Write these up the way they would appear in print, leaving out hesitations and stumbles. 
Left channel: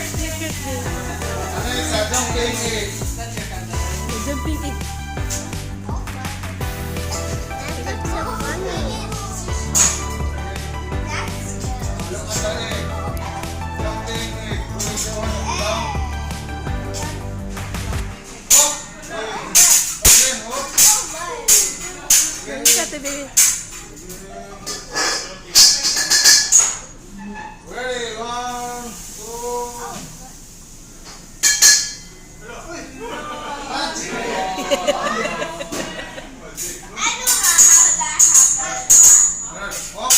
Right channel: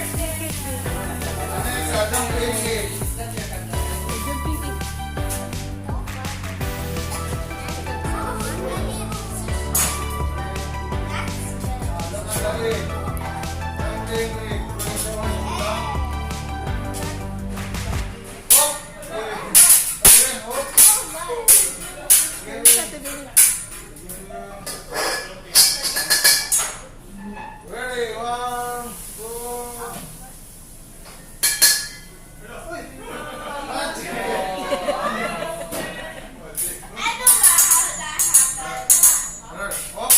Next, jumping egg. Jumping it. Dali. Jumping egg. Hop. Again, hop. Ano ka today? Ready, 1, 2. Hop.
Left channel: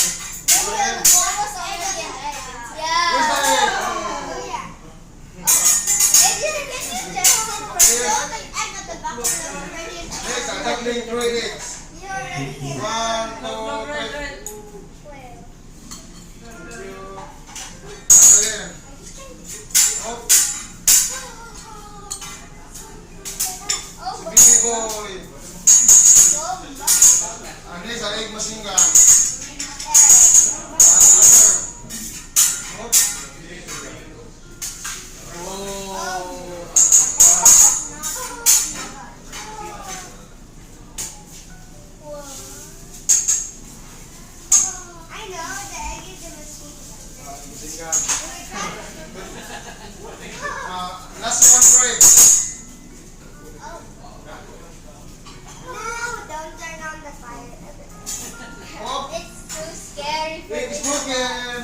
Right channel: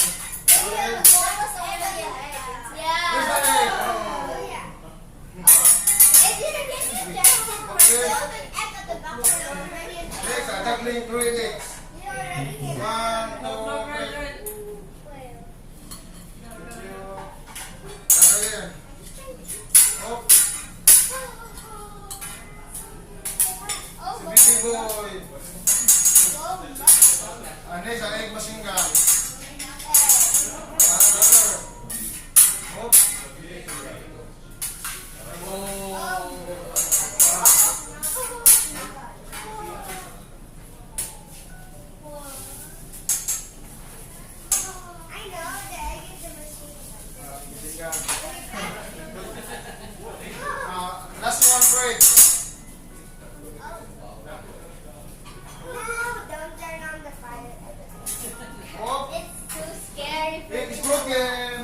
Next, juggling 3 eggs. 1, 2, 3. Again. Hop. Big boy. Next, egg machine gun. Hop. Last one break. Don't turn on the fire. Hop. It's too scary for It's me. broken.